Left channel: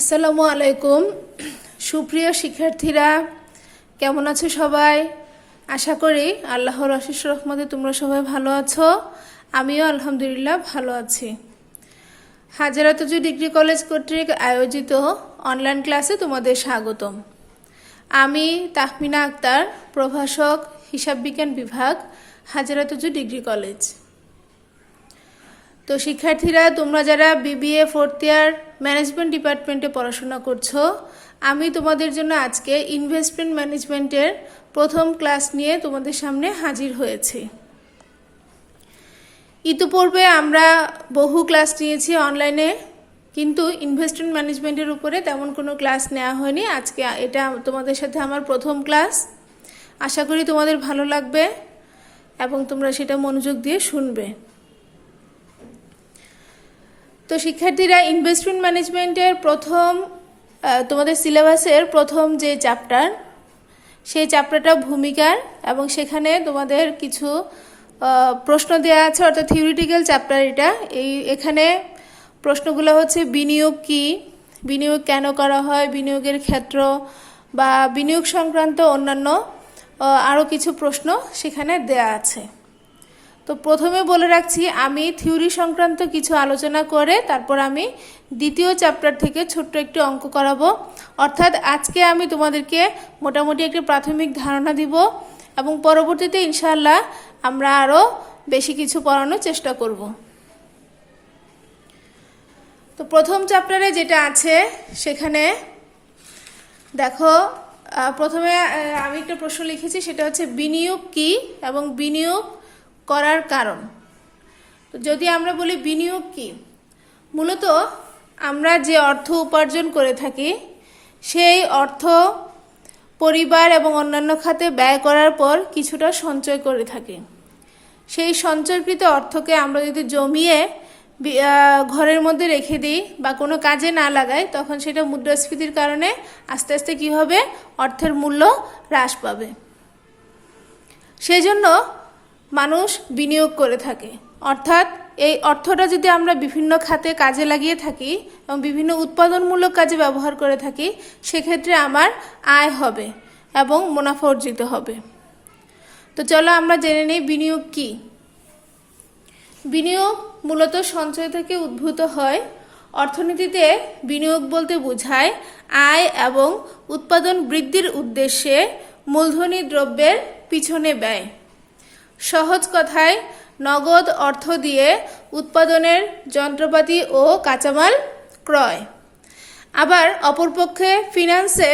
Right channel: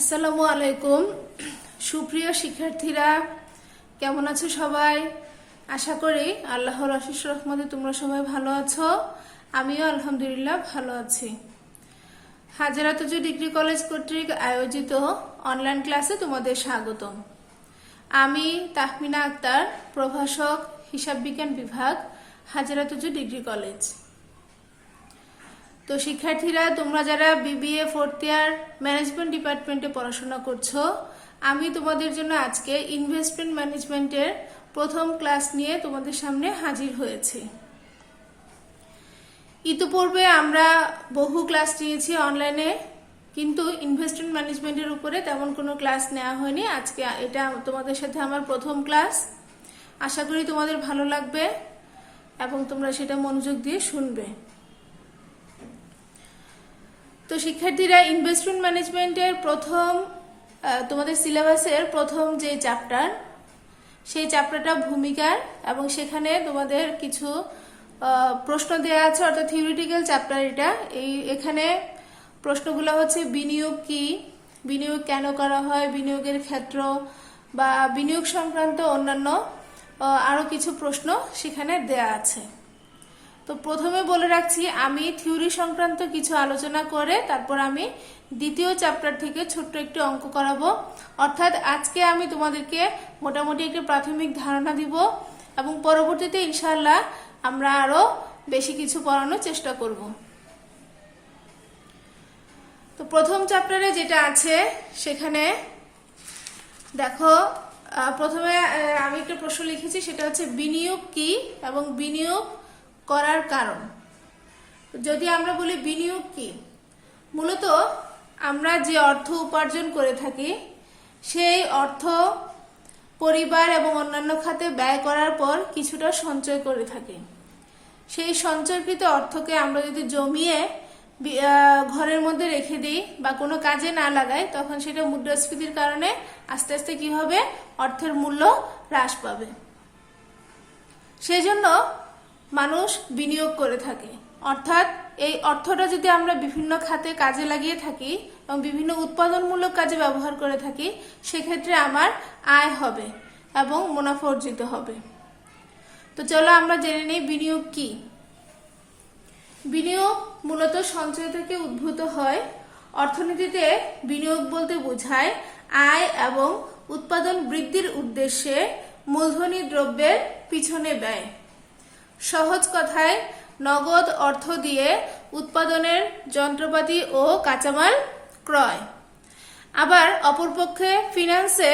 আসসালামু আলাইকুম। সুপ্রিয় শিক্ষার্থীরা, কেমন আছো সবাই? আশা করি আল্লাহর অশেষ রহমতে তোমরা সবাই ভালো আছো। আমিও আলহামদুলিল্লাহ ভালো আছি। হাজারাতুজু ডিগ্রি কলেজ কর্তৃক আয়োজিত অনলাইন ক্লাসে তোমাদের স্বাগতম। আমি তাহমিনা আক্তার, প্রভাষক, হিসাব বিজ্ঞান বিভাগ, হাজারাতুজু ডিগ্রি কলেজ। তো শিক্ষার্থীরা, তোমরা যারা বিবিএ ফোর্থ ইয়ার ম্যানেজমেন্ট ডিপার্টমেন্টে পড়াশোনা করছো, আমি তোমাদের জন্য আজকে ইনভেস্টমেন্ট ম্যানেজমেন্টের প্রথম ক্লাস নিয়ে তোমাদের সামনে হাজির হয়েছি। ইতিপূর্বে আমরা বহু ক্লাস নিয়েছি অনলাইনে, কিন্তু ইনভেস্টমেন্ট ম্যানেজমেন্টের উপরে তেমন কোনো ক্লাস নেওয়া হয়নি। আজকে এটা তোমাদের সাথে আমার প্রথম ক্লাস। আশা করি তোমাদের ভালো লাগবে এবং তোমরা সেটা মনোযোগ দিয়ে শুনবে। তো শিক্ষার্থীরা, ইনভেস্টমেন্ট ম্যানেজমেন্টের তোমাদের সিলেবাসের প্রথম যে চ্যাপ্টার, সেই চ্যাপ্টারটা ভূমিকার, এবং সেখানে তোমাদের কিছু প্রশ্ন দেওয়া আছে, অর্থাৎ থিওরিটিক্যাল চ্যাপ্টার এটা। এখানে প্রশ্নগুলো হচ্ছে বিনিয়োগ কি, বিনিয়োগ কেন করা হয়, বিনিয়োগের ক্ষেত্র বা বিনিয়োগ সংক্রান্ত অন্যান্য আরও কিছু প্রশ্ন সেখানে দেয়া আছে। তো প্রথমে বলে রাখছি, আমি থিওরি সংক্রান্ত কিছু আলোচনা করে তারপর আমি দ্বিতীয় চ্যাপ্টার থেকে ছোট্ট একটু অঙ্ক করাবো। অর্থাৎ আজকে আমি তোমাদেরকে মোটামুটি একটা প্রাথমিক ধারণা দিব এবং পরবর্তীতে ইনশাআল্লাহ আমরা আরও বেশি কিছু পড়ানোর চেষ্টা করব। তো প্রথম চ্যাপ্টারে যেটা আছে সেখানে দেখো, প্রথমে আমি একটা প্রশ্ন লিখেছি, সেটা হচ্ছে বিনিয়োগ কি এবং বিনিয়োগ করার কারণ। যদি আমরা বলি বিনিয়োগ কি, মূলত আমরা যে অর্থ উপার্জন করে থাকি সেই অর্থ পরিবার এবং অন্যান্য খাতে ব্যয় করার পর কিছুটা সঞ্চয় করে থাকি। সেই সঞ্চয়কৃত অর্থকে আমরা যদি জমিয়ে ঘরের মধ্যে রেখে দিই বা কোনো কাজে না লাগাই, তখন সেটা মুদ্রাস্ফীতির কারণে আস্তে আস্তে কি হবে, অর্থের মূল্য হ্রাস পাবে। সেজন্য মানুষ বিনিয়োগ করে থাকে। অর্থাৎ এই অর্থটা যদি আমরা বিভিন্ন খাতে কাজে লাগিয়ে থাকি এবং বিভিন্ন উৎপাদনমূলক কাজে ব্যবহার করে থাকি, সেক্ষেত্রে আমার আয় হবে এবং মুনাফা অর্জিত হবে। তো চলো আমরা জেনে নিই বিনিয়োগ কি। বিনিয়োগ মূলত সঞ্চয় থেকে উদ্ভূত হয়। অর্থনীতিতে বিনিয়োগ বলতে বোঝায় আয় এবং উৎপাদন বৃদ্ধির উদ্দেশ্যে মূলধনী দ্রব্যের পিছনে ব্যয়। সহজ কথায়, নগদ অর্থ দিয়ে উৎপাদনের যন্ত্রপাতি ও কাঁচামাল ক্রয়। আবার অপরপক্ষে ফিন্যান্সে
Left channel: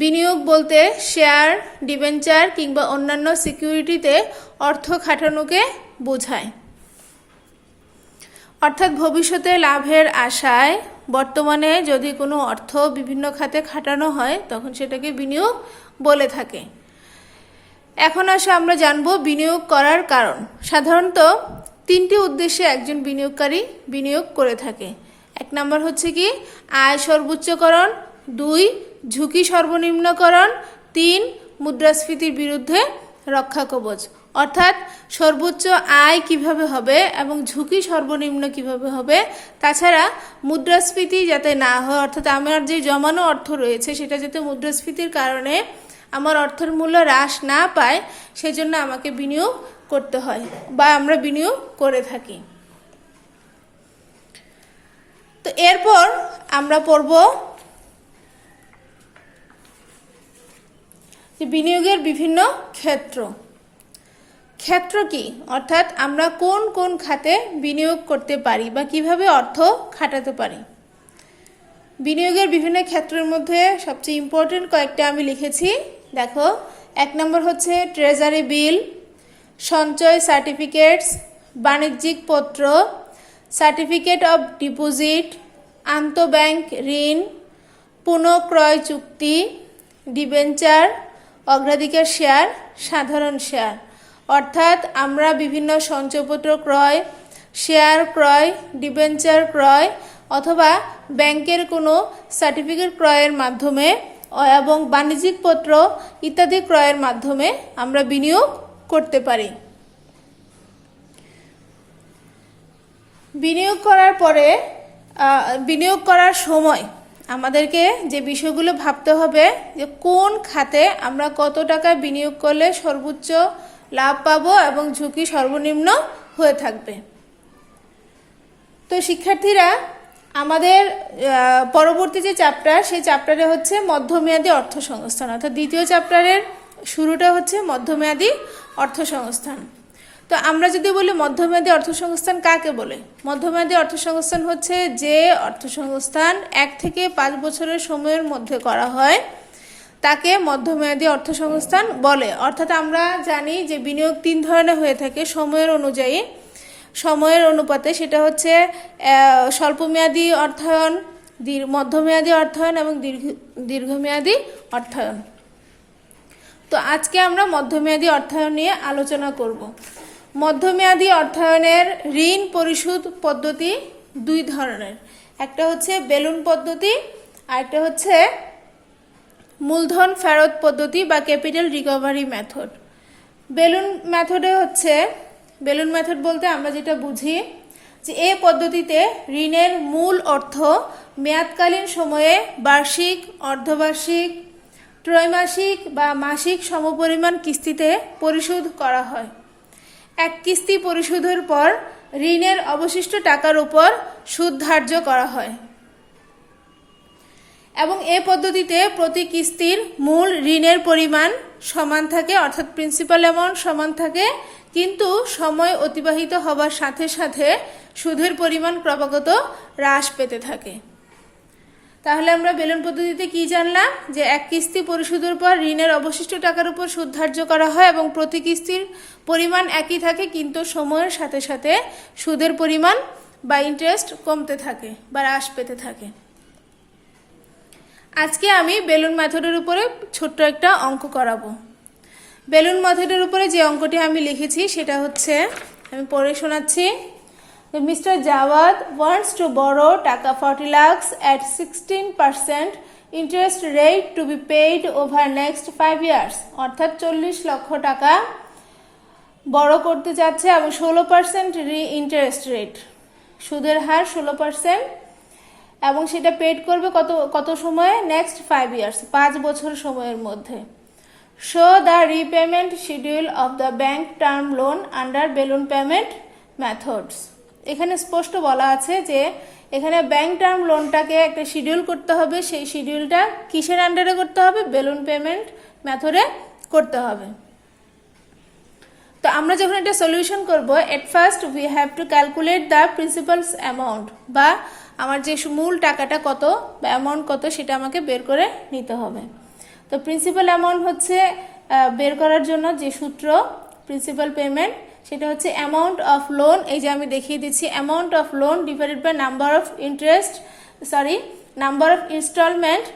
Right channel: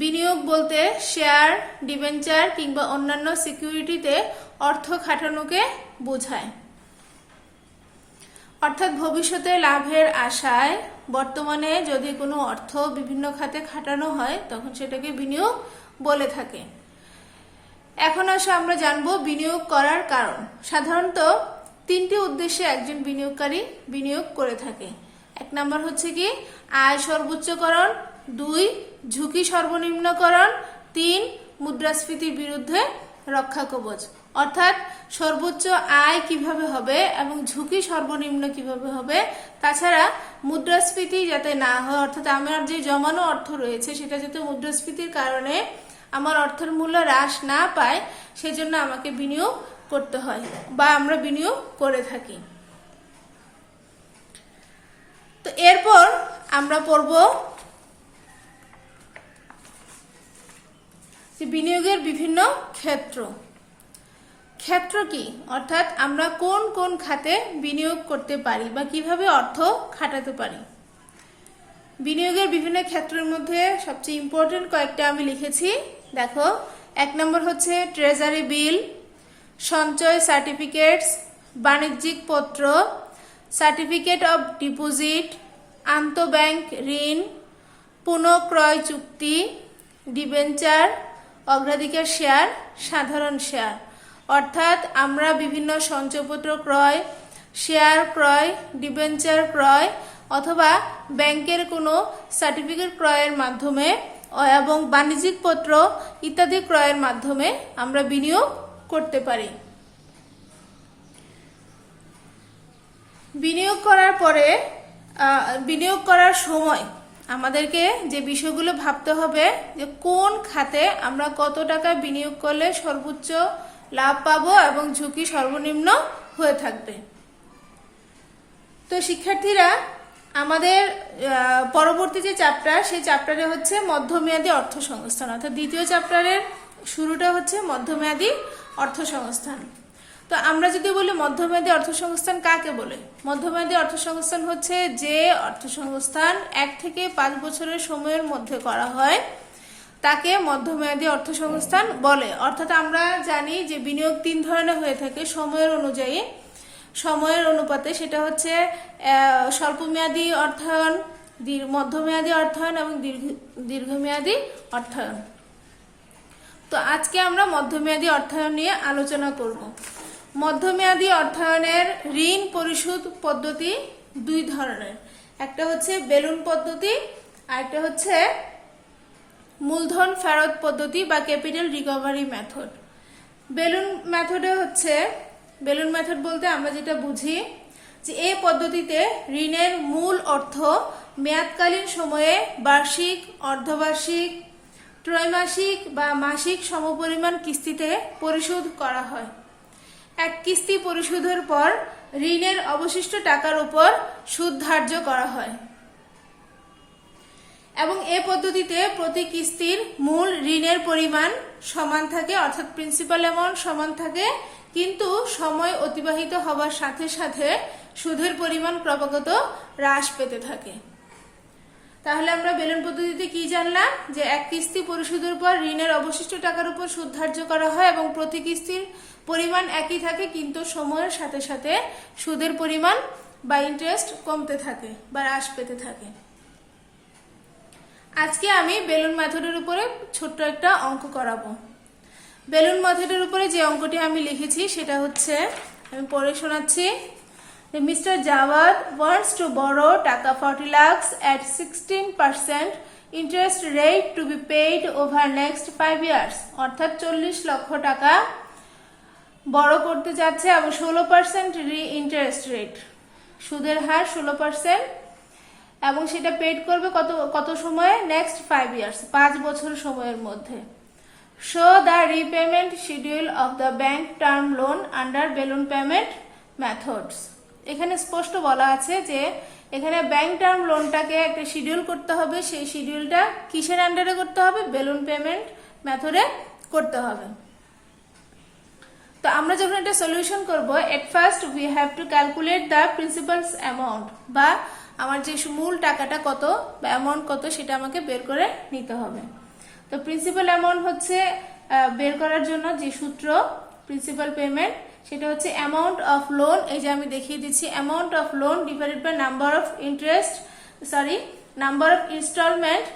বিনিয়োগ বলতে শেয়ার, ডিবেঞ্চার কিংবা অন্যান্য সিকিউরিটিতে অর্থ খাটানোকে বোঝায়। অর্থাৎ ভবিষ্যতে লাভের আশায় বর্তমানে যদি কোনো অর্থ বিভিন্ন খাতে খাটানো হয়, তখন সেটাকে বিনিয়োগ বলে থাকে। এখন আসে আমরা জানবো বিনিয়োগ করার কারণ। সাধারণত তিনটি উদ্দেশ্যে একজন বিনিয়োগকারী বিনিয়োগ করে থাকে। এক নম্বর হচ্ছে কি, আয় সর্বোচ্চকরণ, 2 ঝুঁকি সর্বনিম্নকরণ, 3 মুদ্রাস্ফীতির বিরুদ্ধে রক্ষা কবচ। অর্থাৎ সর্বোচ্চ আয় কিভাবে হবে এবং ঝুঁকি সর্বনিম্ন কিভাবে হবে, তাছাড়া মুদ্রাস্ফীতি যাতে না হয়, অর্থাৎ আমার যে জমানো অর্থ রয়েছে সেটা যাতে মুদ্রাস্ফীতির কারণে আমার অর্থের মূল্য হ্রাস না পায়, সেজন্য আমাকে বিনিয়োগ করতে হয় বা আমরা বিনিয়োগ করে থাকি। তো এরপর আমরা পড়ব যে বিনিয়োগের বিভিন্ন ক্ষেত্র। ক্ষেত্র কি, অর্থাৎ আমরা কোন কোন খাতে বিনিয়োগ করতে পারি বা কিভাবে অর্থ খাটাতে পারি। বিনিয়োগের বিভিন্ন ক্ষেত্রের মধ্যে সবচেয়ে ইম্পর্টেন্ট কয়েকটা আমি লিখেছি। দেখো, 1 নম্বর হচ্ছে ট্রেজারি বিল, সঞ্চয় সার্টিফিকেটস, বাণিজ্যিক পত্র, সার্টিফিকেট অব ডিপোজিট, আন্তঃব্যাংক ঋণ, পুনঃক্রয় চুক্তি, ডিবেঞ্চার, অগ্রাধিকার শেয়ার, সাধারণ শেয়ার। অর্থাৎ আমরা বিভিন্ন সঞ্চয়পত্র ক্রয়, শেয়ার ক্রয়, ডিবেঞ্চার ক্রয় অথবা ব্যাংকের কোনো সার্টিফিকেট ক্রয়ের মাধ্যমে এবং বাণিজ্যিক পত্র ইত্যাদি ক্রয়ের মাধ্যমে আমরা বিনিয়োগ করতে পারি। বিনিয়োগ করার পরে বিনিয়োগ করার সময় আমাদেরকে যে বিষয়গুলো ভাবতে হবে যে কোন খাতে আমরা কত টাকা বিনিয়োগ করলে সর্বোচ্চ লাভ পাবো এবং ঝুঁকি সর্বনিম্ন হয়ে থাকবে। তো শিক্ষার্থীরা, আমাদের পরবর্তী যে চ্যাপ্টার, সেই চ্যাপ্টারে হচ্ছে মধ্যমেয়াদী অর্থসংস্থান, অর্থাৎ দ্বিতীয় চ্যাপ্টারের শুরুটা হচ্ছে মধ্যমেয়াদী অর্থসংস্থান। তো আমরা যদি বলি মধ্যমেয়াদী অর্থসংস্থান কাকে বলে, মধ্যমেয়াদী অর্থসংস্থান হচ্ছে যে অর্থসংস্থান 1 থেকে 5 বছরের সময়ের মধ্যে করা হয় তাকে মধ্যমেয়াদী অর্থসংস্থান বলে। অর্থাৎ আমরা জানি যে বিনিয়োগ 3 ধরনের হয়ে থাকে সময়ের অনুযায়ী, সময়ের অনুপাতে। সেটা হচ্ছে স্বল্পমেয়াদী অর্থায়ন, মধ্যমেয়াদী অর্থায়ন এবং দীর্ঘমেয়াদী অর্থায়ন। তো আজকে আমরা মধ্যমেয়াদী অর্থায়ন নিয়ে আলোচনা করব। মধ্যমেয়াদী অর্থায়নের ঋণ পরিশোধ পদ্ধতি 2 ধরনের, একটা হচ্ছে বেলুন পদ্ধতি আর একটা হচ্ছে মূলধন ফেরত পদ্ধতি বা capital recovery method. Balloon method বলতে আমরা যেটা বুঝি যে এই পদ্ধতিতে ঋণের মূল অর্থ মেয়াদকালীন সময়ে বার্ষিক, অর্ধবার্ষিক, ত্রৈমাসিক বা মাসিক সমপরিমাণ কিস্তিতে পরিশোধ করা হয়। এক কিস্তি পরিশোধের পর ঋণের অবশিষ্ট টাকার উপর সুদ ধার্য করা হয় এবং এই পদ্ধতিতে প্রতি কিস্তির মূল ঋণের পরিমাণ সমান থাকে, অর্থাৎ প্রিন্সিপাল অ্যামাউন্ট সমান থাকে, কিন্তু সময় অতিবাহিত হবার সাথে সাথে সুদের পরিমাণ ক্রমাগত হ্রাস পেতে থাকে। তাহলে আমরা বেলুন পদ্ধতিতে কি জানলাম, যে এক কিস্তি পরিশোধের পর ঋণের অবশিষ্ট টাকার উপর সুদ ধার্য করা হয় এবং প্রতি কিস্তির পরিমাণ একই থাকে, কিন্তু সময়ের সাথে সাথে সুদের পরিমাণ বা ইন্টারেস্ট কমতে থাকে বা হ্রাস পেতে থাকে। আজকে আমি বেলুন মেথডের উপরে ছোট্ট একটা অঙ্ক করাবো। বেলুন মেথডের উপরে যে অঙ্কটি আমি লিখেছি সেটা হচ্ছে, আমি পড়ে শোনাচ্ছি। Mr. Jawad wants to borrow টাকা 40 lakhs at 16% interest rate to be paid over next 5 years, অর্থাৎ 40 লক্ষ টাকা বড় করতে যাচ্ছে এবং 16% ইন্টারেস্ট রেট, সুদের হার 16%, এবং সেটা পেড করবে কত সময়ে, নেক্সট 5 years, 5 বছর সময়ের মধ্যে। Show the repayment schedule of the bank term loan under balloon payment methods. এখানে স্পষ্ট বলা আছে যে এখানে ব্যাংক টার্ম লোনটাকে একটা শিডিউল করতে হবে, সেই শিডিউলটা কিসের আন্ডারে করতে হবে, বেলুন পেমেন্ট মেথডে করতে হবে। তো আমরা যখন এটা সলিউশন করব, at first we have to calculate the principles amount, বা আমার যে মূল টাকাটা কত বা অ্যামাউন্ট কত সেটা আমাকে বের করে নিতে হবে। তো প্রিন্সিপাল অ্যামাউন্ট হচ্ছে বের করার জন্য যে সূত্র প্রিন্সিপাল পেমেন্ট, সেটা হচ্ছে অ্যামাউন্ট অফ লোন, এই যে আমি দেখিয়ে দিচ্ছি, amount of loan divided by number of installment.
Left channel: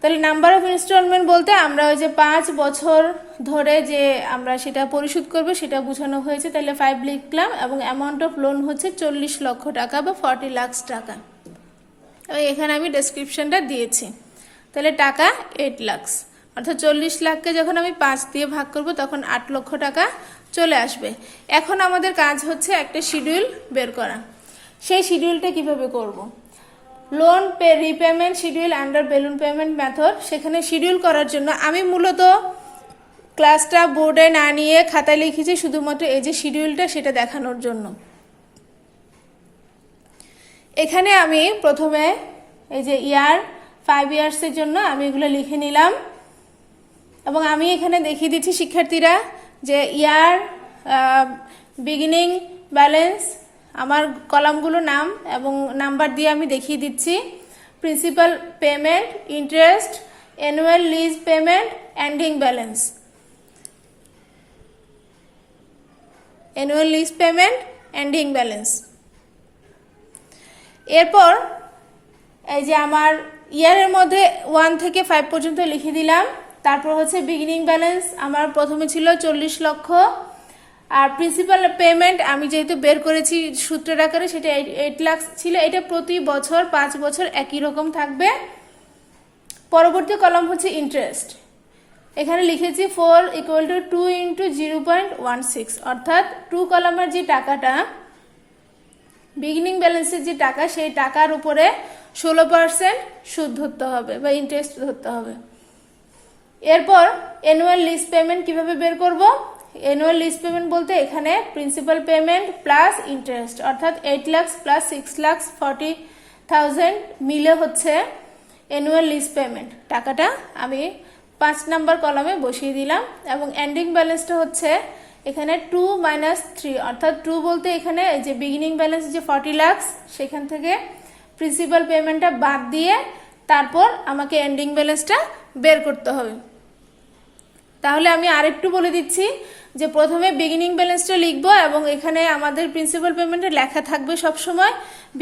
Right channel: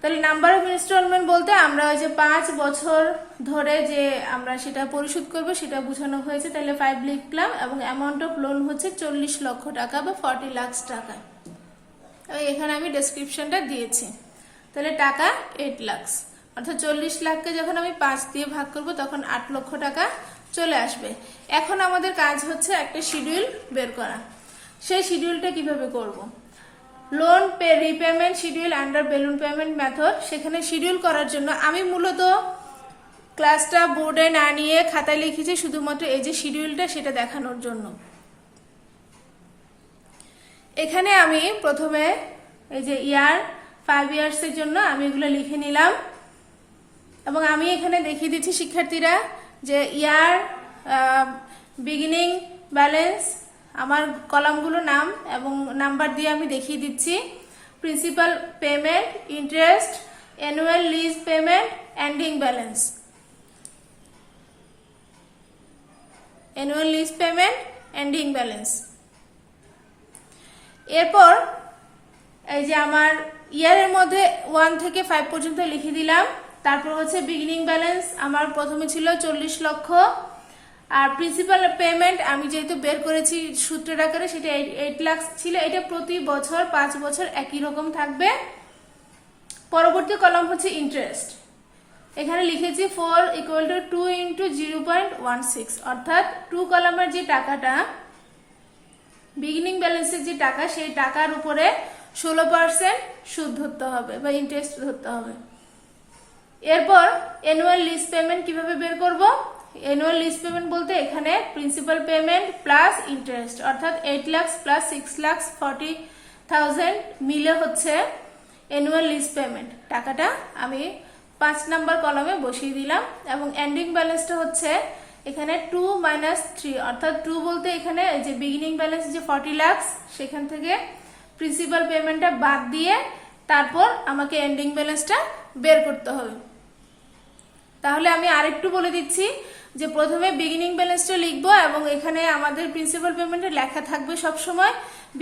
তাহলে নাম্বার অফ ইনস্টলমেন্ট বলতে আমরা ওই যে 5 বছর ধরে যে আমরা সেটা পরিশোধ করব সেটা বোঝানো হয়েছে, তাহলে 5 লিখলাম, এবং অ্যামাউন্ট অফ লোন হচ্ছে 40 লক্ষ টাকা বা 40 লাখ টাকা। এখানে আমি ডেসক্রিপশনটা দিয়েছি। তাহলে টাকা 8 লাখ, অর্থাৎ 40 লাখকে যখন আমি 5 দিয়ে ভাগ করব তখন 8 লক্ষ টাকা চলে আসবে। এখন আমাদের কাজ হচ্ছে একটা শিডিউল বের করা। সেই শিডিউলটা কিভাবে করব, loan repayment schedule under balloon payment method. সেখানে শিডিউল করার জন্য আমি মূলত ক্লাসটা বোর্ডে না নিয়ে খাতায় লিখেছি, শুধুমাত্র এই যে শিডিউলটা সেটা দেখানোর জন্য। এখানে আমি প্রথমে এই যে 5 ইয়ার্সের জন্য আমি এগুলো লিখে নিলাম, এবং আমি এখানে দেখিয়ে দিচ্ছি শিক্ষার্থীরা যে বিগিনিং ব্যালেন্স, আমার কলামগুলো নাম এবং নাম্বার দিয়ে আমি দেখিয়ে দিচ্ছি। Principal payment, interest, annual lease payment, ending balance, annual lease payment, ending balance. এরপর এই যে আমার ইয়ারের মধ্যে 1 থেকে 5 পর্যন্ত লিখে দিলাম। তারপর হচ্ছে বিগিনিং ব্যালেন্স আমার প্রথমে ছিল 40 লক্ষ, আর প্রিন্সিপাল পেমেন্ট আমি যেহেতু বের করেছি সূত্রের আকারে সেটা 8 লাখ ছিল। এটা প্রতি বছর 5 বছর একই রকম থাকবে। পরবর্তী কলাম হচ্ছে ইন্টারেস্ট, এখানে লিখেছি 4 = 2 × 0.16, অর্থাৎ 2 কলামের যে টাকাটা বিগিনিং ব্যালেন্সের যে টাকা, সেই টাকার উপরে 16% সুদ ধরতে হবে বা ইন্টারেস্ট ধরতে হবে। এরপর অ্যানুয়াল লিজ পেমেন্ট কিভাবে বের করব? অ্যানুয়াল লিজ পেমেন্ট বলতে এখানে প্রিন্সিপাল পেমেন্ট প্লাস ইন্টারেস্ট অর্থাৎ 8 লাখ প্লাস 6,40,000 মিলে হচ্ছে অ্যানুয়াল লিজ পেমেন্ট। টাকাটা আমি 5 নাম্বার কলামে বসিয়ে দিলাম এবং এন্ডিং ব্যালেন্সটা হচ্ছে এখানে 2 - 3 অর্থাৎ 2 বলতে এখানে এই যে বিগিনিং ব্যালেন্স যে 40 লাখ সেখান থেকে প্রিন্সিপাল পেমেন্টটা বাদ দিয়ে তারপর আমাকে এন্ডিং ব্যালেন্সটা বের করতে হবে। তাহলে আমি আরেকটু বলে দিচ্ছি যে প্রথমে বিগিনিং ব্যালেন্সটা লিখবো এবং এখানে আমাদের প্রিন্সিপাল পেমেন্টে লেখা থাকবে সব সময়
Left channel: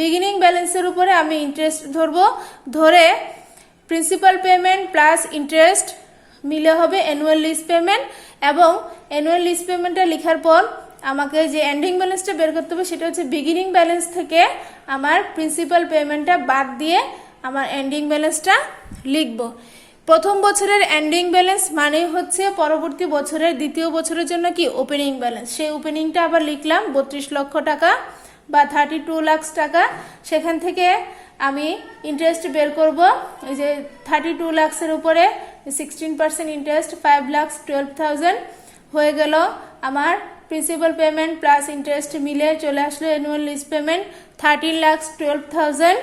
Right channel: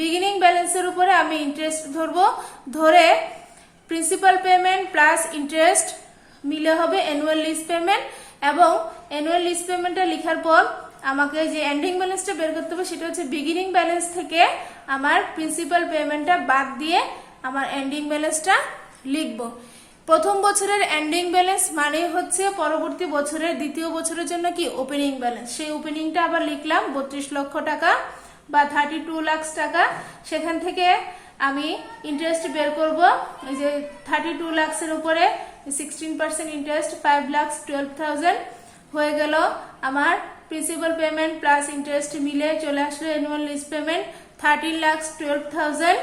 বিগিনিং ব্যালেন্সের উপরে আমি ইন্টারেস্ট ধরবো, ধরে প্রিন্সিপাল পেমেন্ট প্লাস ইন্টারেস্ট মিলে হবে অ্যানুয়াল লিজ পেমেন্ট এবং অ্যানুয়াল লিজ পেমেন্টটা লেখার পর আমাকে যে এন্ডিং ব্যালেন্সটা বের করতে হবে সেটা হচ্ছে বিগিনিং ব্যালেন্স থেকে আমার প্রিন্সিপাল পেমেন্টটা বাদ দিয়ে আমার এন্ডিং ব্যালেন্সটা লিখবো। প্রথম বছরের এন্ডিং ব্যালেন্স মানে হচ্ছে পরবর্তী বছরের দ্বিতীয় বছরের জন্য কি ওপেনিং ব্যালেন্স। সেই ওপেনিংটা আবার লিখলাম 32 লক্ষ টাকা বা 32 লাখ টাকা। সেখান থেকে আমি ইন্টারেস্ট বের করব। এই যে 32 লাখের উপরে 16% ইন্টারেস্ট 5,12,000 হয়ে গেল আমার প্রিন্সিপাল পেমেন্ট প্লাস ইন্টারেস্ট মিলে চলে আসলো অ্যানুয়াল লিজ পেমেন্ট 13,12,000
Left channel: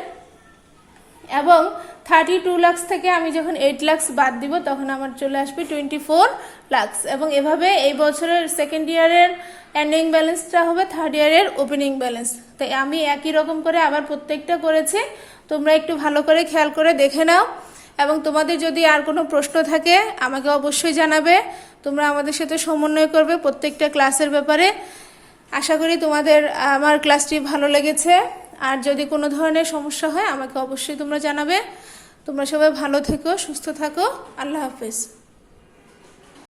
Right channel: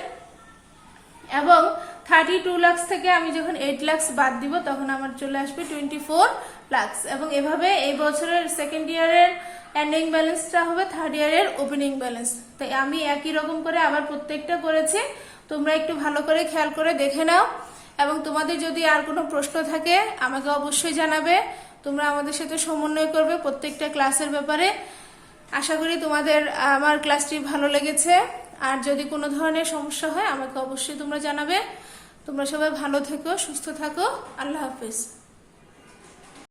এবং 32 লাখ থেকে আমি যখন 8 লাখ বাদ দিব তখন আমার চলে আসবে 24 লাখ এবং এভাবে এই বছরের সেকেন্ড ইয়ারের এন্ডিং ব্যালেন্সটা হবে থার্ড ইয়ারের ওপেনিং ব্যালেন্স। তাই আমি একই রকম করে আবার প্রত্যেকটা করেছি, তোমরা একটু ভালো করে খেয়াল করে দেখে নাও এবং তোমাদের যদি আর কোনো প্রশ্ন থাকে আমাকে অবশ্যই জানাবে। তোমরা আমাদের সাথে সমন্বয় করবে প্রত্যেকটা ক্লাসের ব্যাপারে। আশা করি তোমাদের আমার ক্লাসটি ভালো লেগেছে। আর যদি কোনো ধরনের সমস্যা হয় আমাকে অবশ্যই তোমরা জানাবে। তোমরা সবাই ভালো থেকো, সুস্থ থাকো। আল্লাহ হাফেজ।